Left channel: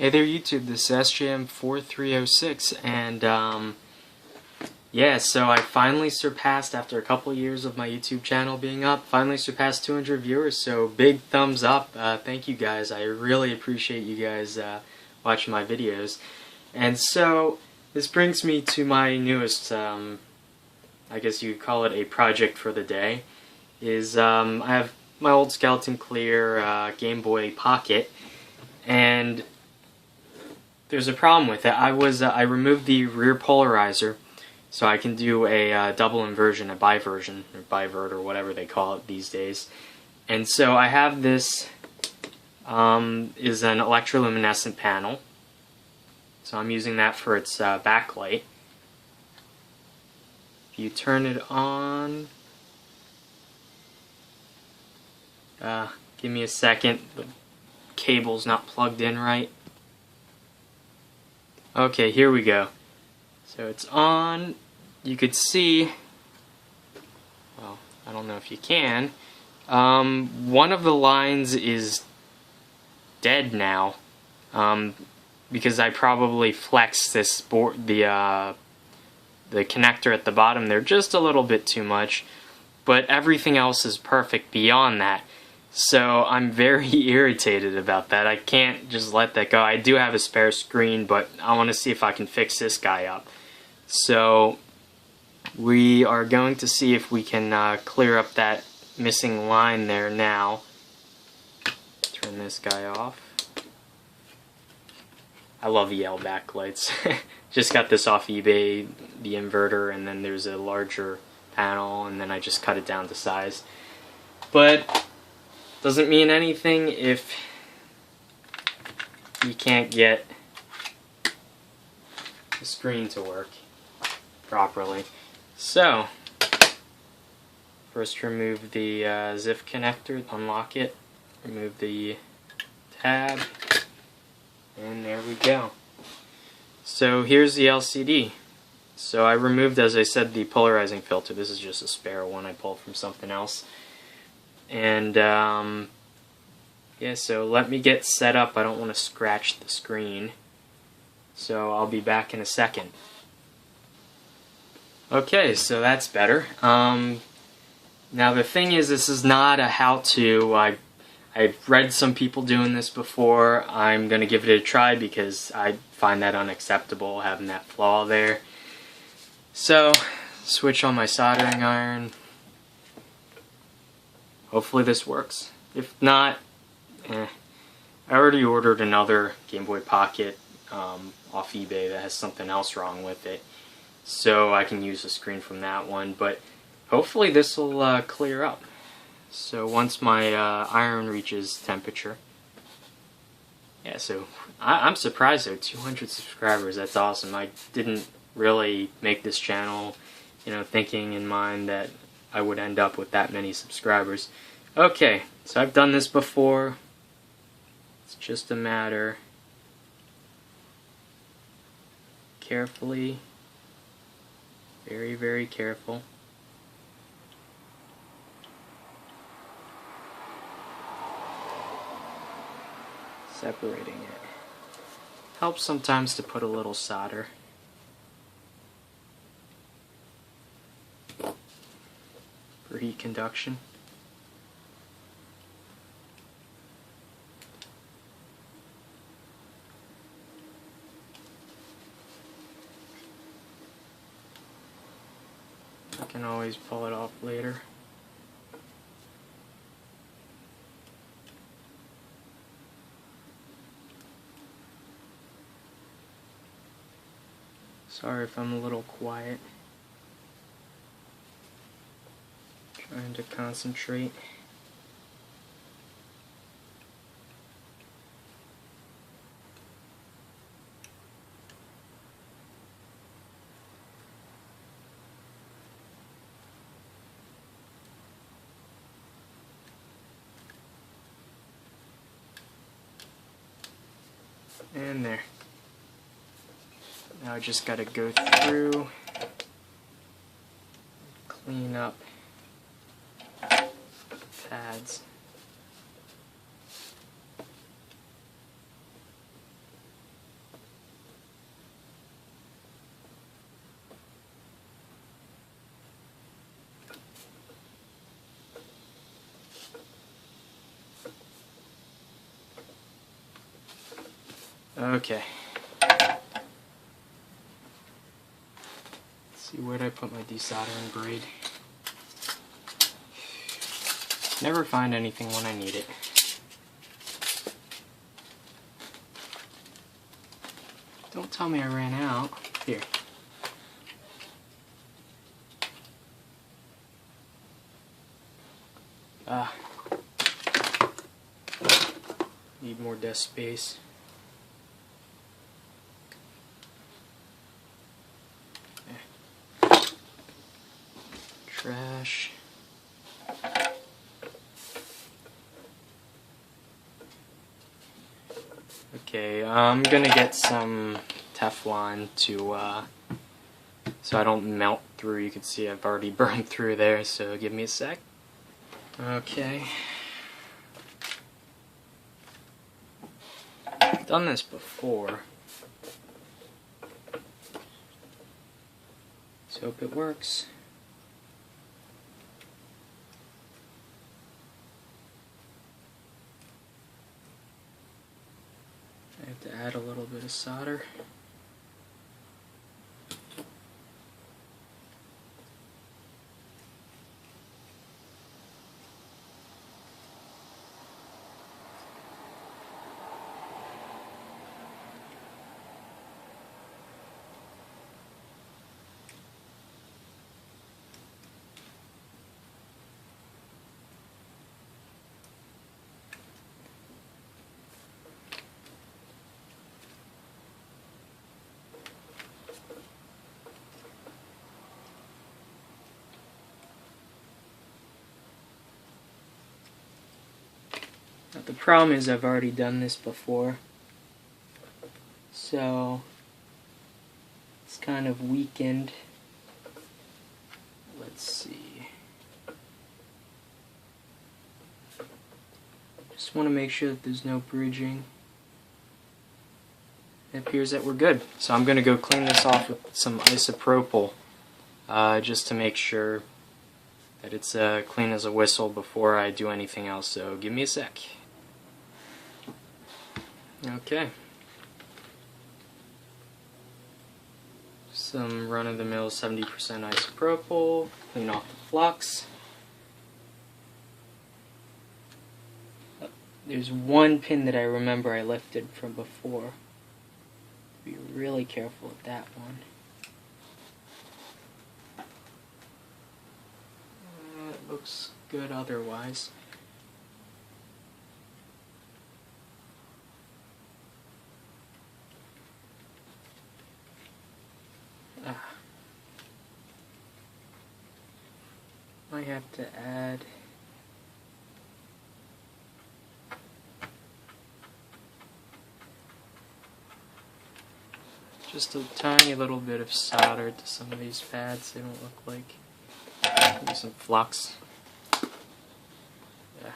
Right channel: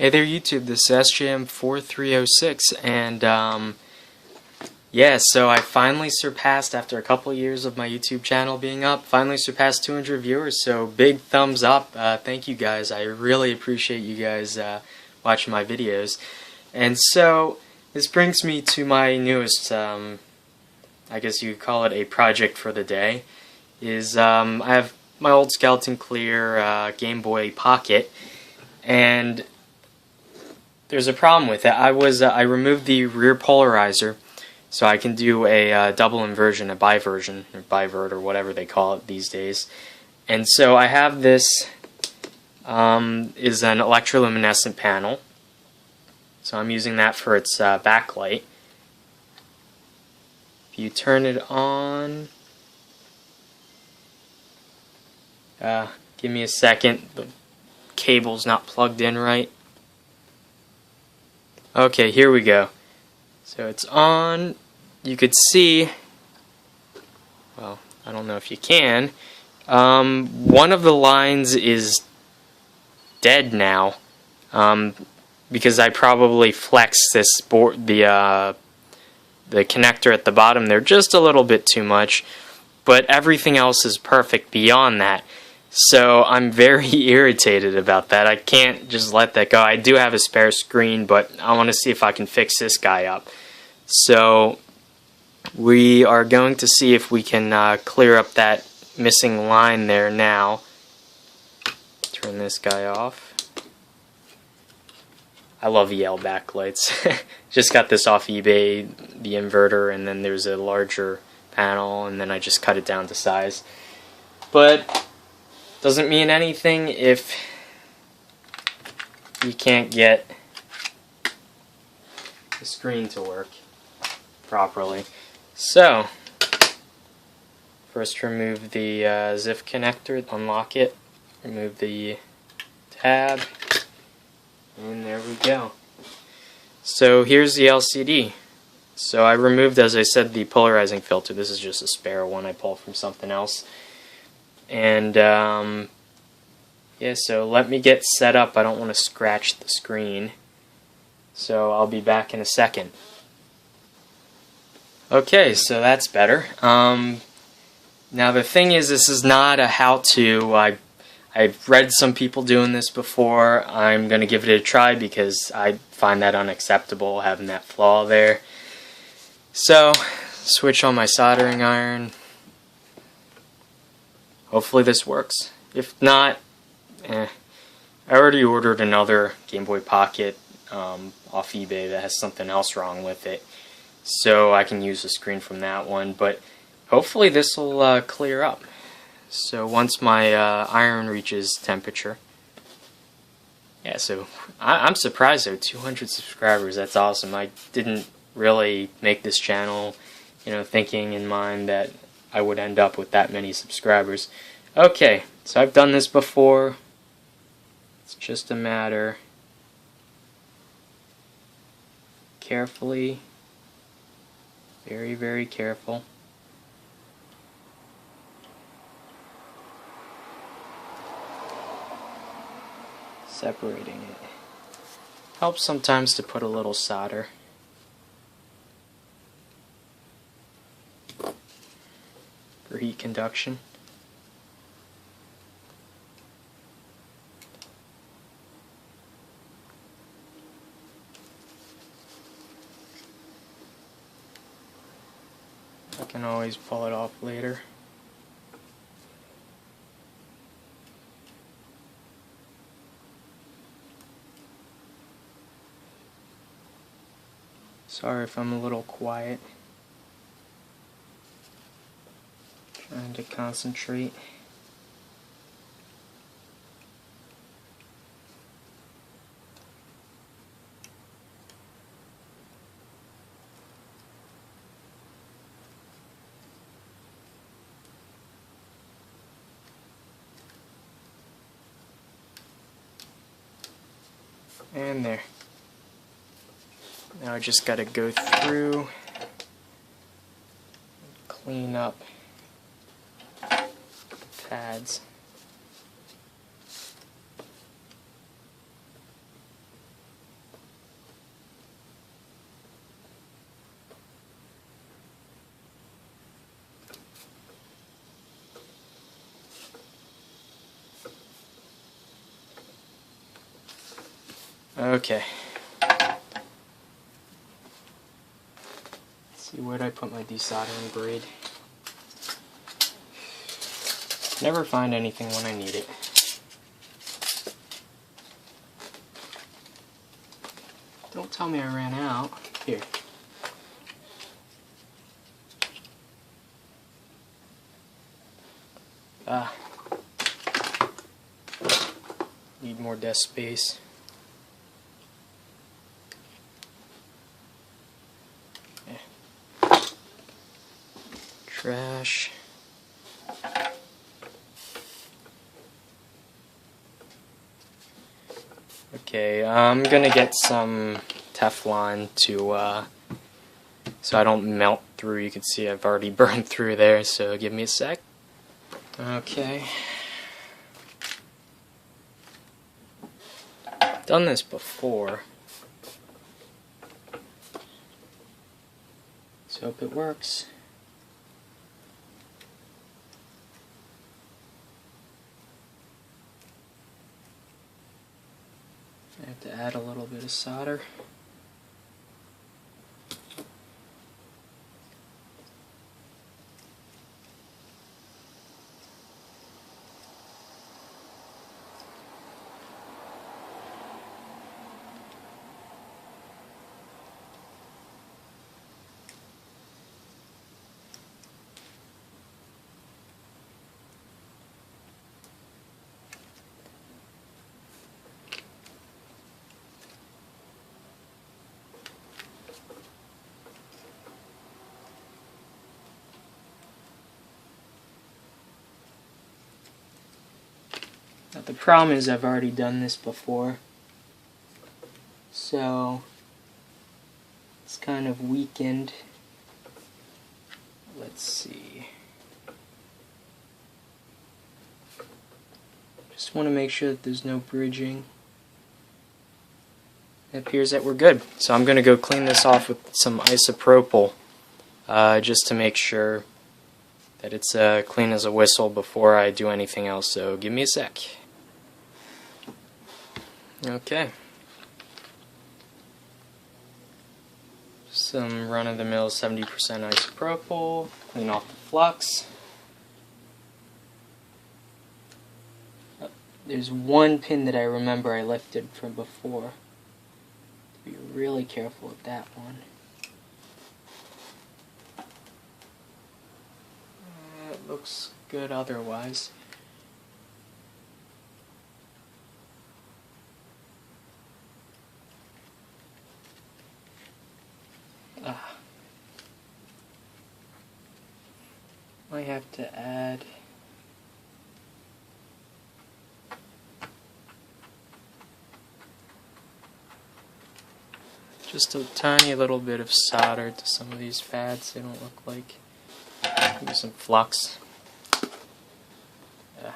Hey there YouTube, this is SJM4306 and yeah, so I finally surpassed, after a couple years of my YouTube channel being up, finally surpassed 200 viewers, so big thumbs up. Thank you guys, I really appreciate you guys watching my videos. And so, this brings me to my newest, I guess you could call it a project for the day, is I have my old Skeleton Clear Game Boy Pocket, and there's a problem with it. I removed the rear polarizer, so I can do a double inversion, a biversion, or bivert, or whatever they call it these days. And so I have this, is an electroluminescent panel. So I'm using that for its backlight. If you turn it on, give me a second, the cable's not plugged in right. Okay, here we go. So it's on. You could see, well, I don't know if you can, one of the lines is dead now, because I probably flexed this board, the connector at the bottom there just a little bit too much, but everything else is perfect beyond that. So I'm very irritated about that. I can't just let that go. I do have a spare screen, but I want to see if I can fix this guy up. So we are going to see if we can clear up that missing line there now. Turn this guy off. I love EL backlights. Just got this off eBay, the inverter, and then there's a larger panel, and then I just cut it down to size. But doesn't mean anything if you can't get the screen to work properly. So, first remove the ZIF connector, unlock it, remove the tab, and there we go. So here's the LCD. So I removed, as I said, the polarizing filter. This is just a spare one I pulled from something else. And yeah, so let me get set up. I don't want to scratch the screen. So I'll be back in a second. Okay, so that's better. Now the thing is, this is not a how-to. I've read some people doing this before. I'm going to give it a try because I find that unacceptable, having that flaw there. So, switch on my soldering iron. Hopefully this works. If not, I already ordered another Game Boy Pocket off eBay that has something else wrong with it, so I can use the screen from that one, but hopefully this will clear up. So once my iron reaches temperature, yeah, so I'm surprised though, 200 subscribers, that's awesome. I didn't really make this channel, thinking in mind that I would end up with that many subscribers. Okay, so I've done this before. It's just a matter carefully, very, very careful. Separating it. Helps sometimes to put a little solder. For heat conduction. I can always pull it off later. Sorry if I'm a little quiet. Trying to concentrate. And there. Now I just gotta go through, clean up pads. Okay. Let's see, where'd I put my desoldering braid? Never find anything when I need it. Don't tell me I ran out. Here. Need more desk space. Yeah. Trash. Okay, I'm gonna get some Teflon to so I don't melt through. You can see I've already burned through there, so give me a sec. Okay. I've done this before. Let's hope it works. I have to add a little bit of solder. But the problem is I've already done this before, so it's kind of weakened. Let's see. Just want to make sure that there's no bridging. It appears that we're good. So I'm going to go clean this off with some isopropyl, just to make sure that it's clean as a whistle before I do anything else. So give me a sec. Okay. Some run-of-the-mill 70% isopropyl. Clean off the flux. There's one pin that I remember I lifted from before. Be really careful with that one. It looks good otherwise. I have to add just a tiny little bit of solder to some of these pads. They don't look like. Maybe some flux. Yeah.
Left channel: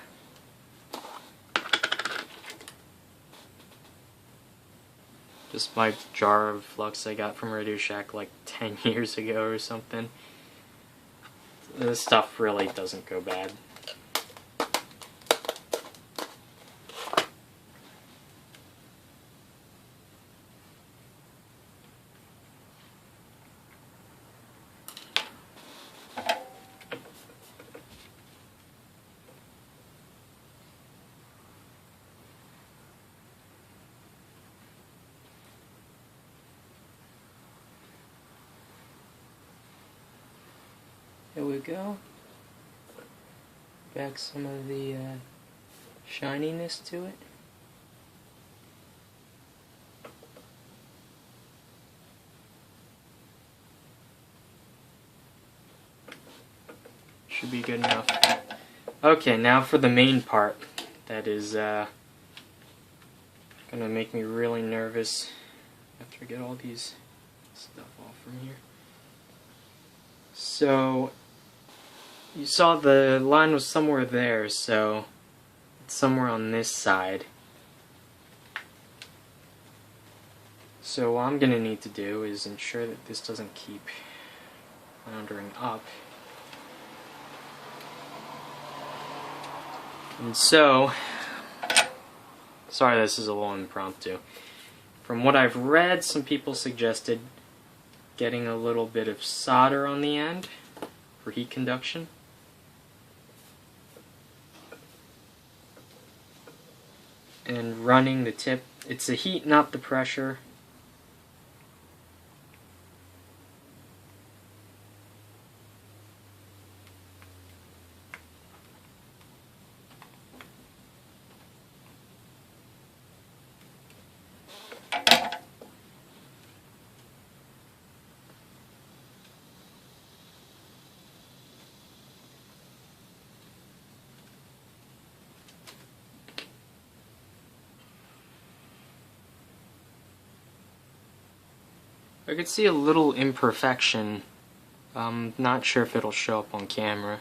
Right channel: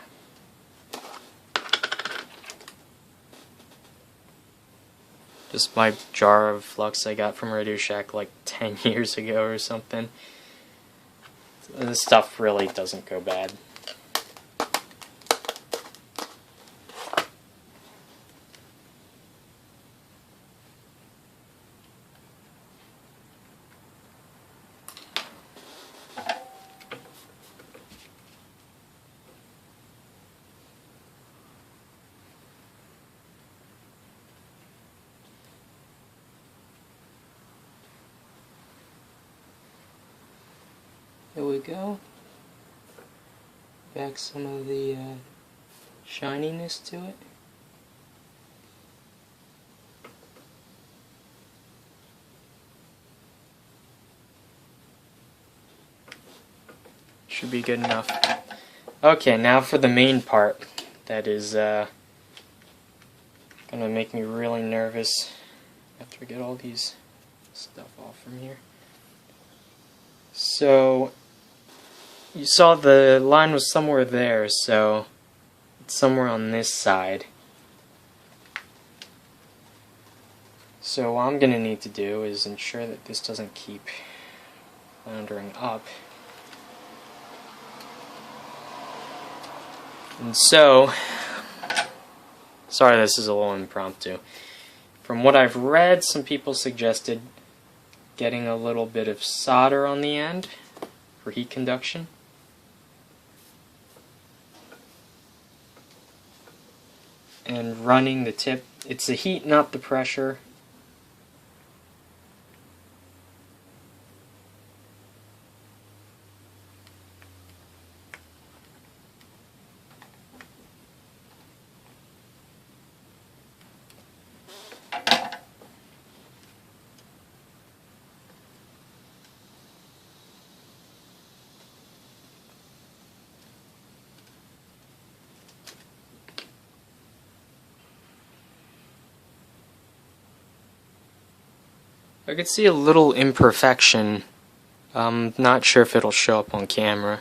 Just my jar of flux I got from Radio Shack like 10 years ago or something. This stuff really doesn't go bad. There we go. Back some of the shininess to it. Should be good enough. Okay, now for the main part that is gonna make me really nervous after I get all these stuff off from here. So you saw the line was somewhere there, so it's somewhere on this side. So what I'm gonna need to do is ensure that this doesn't keep floundering up. And so, sorry this is a little impromptu. From what I've read, some people suggested getting a little bit of solder on the end for heat conduction. And running the tip. It's the heat, not the pressure. I could see a little imperfection. I'm not sure if it'll show up on camera.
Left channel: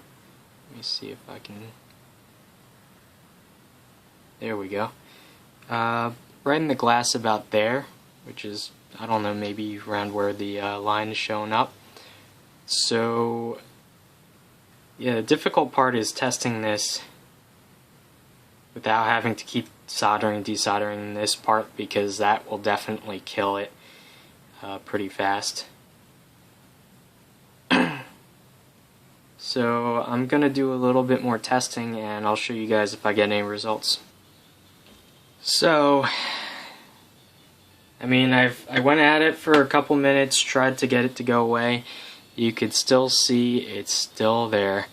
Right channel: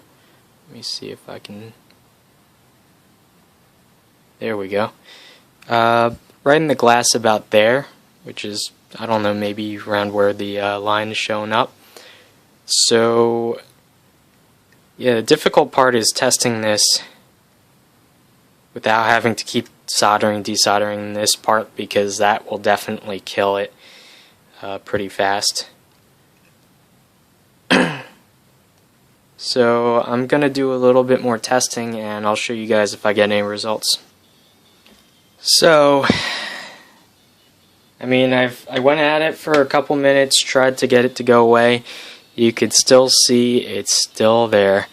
Let me see if I can... There we go. Right in the glass about there, which is, I don't know, maybe around where the line is showing up. So, yeah, the difficult part is testing this without having to keep soldering, desoldering this part, because that will definitely kill it pretty fast. So I'm gonna do a little bit more testing and I'll show you guys if I get any results. So I mean, I went at it for a couple minutes, tried to get it to go away. You could still see it's still there.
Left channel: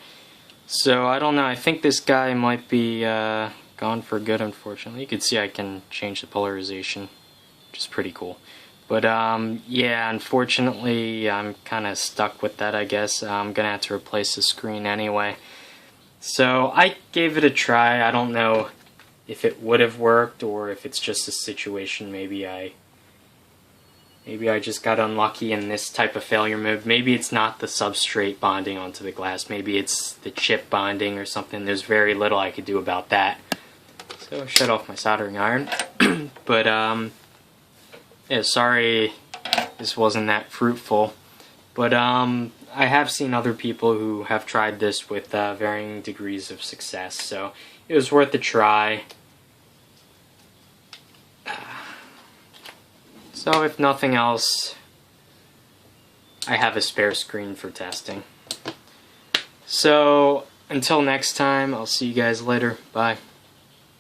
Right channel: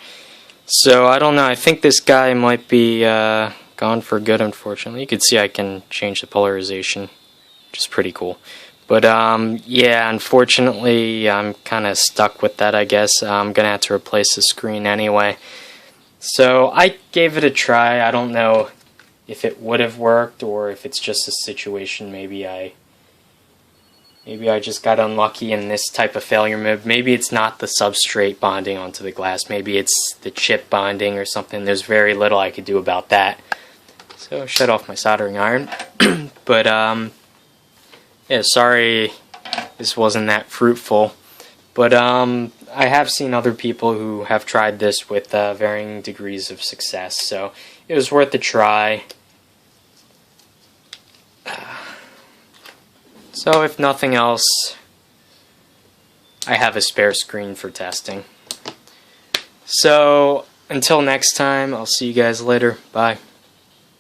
So I don't know, I think this guy might be gone for good, unfortunately. You can see I can change the polarization, which is pretty cool. But yeah, unfortunately I'm kind of stuck with that, I guess. I'm gonna have to replace the screen anyway. So I gave it a try. I don't know if it would have worked or if it's just a situation maybe I just got unlucky in this type of failure mode. Maybe it's not the substrate bonding onto the glass. Maybe it's the chip bonding or something. There's very little I could do about that. So shut off my soldering iron. But yeah, sorry this wasn't that fruitful. But I have seen other people who have tried this with varying degrees of success. So it was worth a try. So if nothing else, I have a spare screen for testing. So until next time, I'll see you guys later. Bye.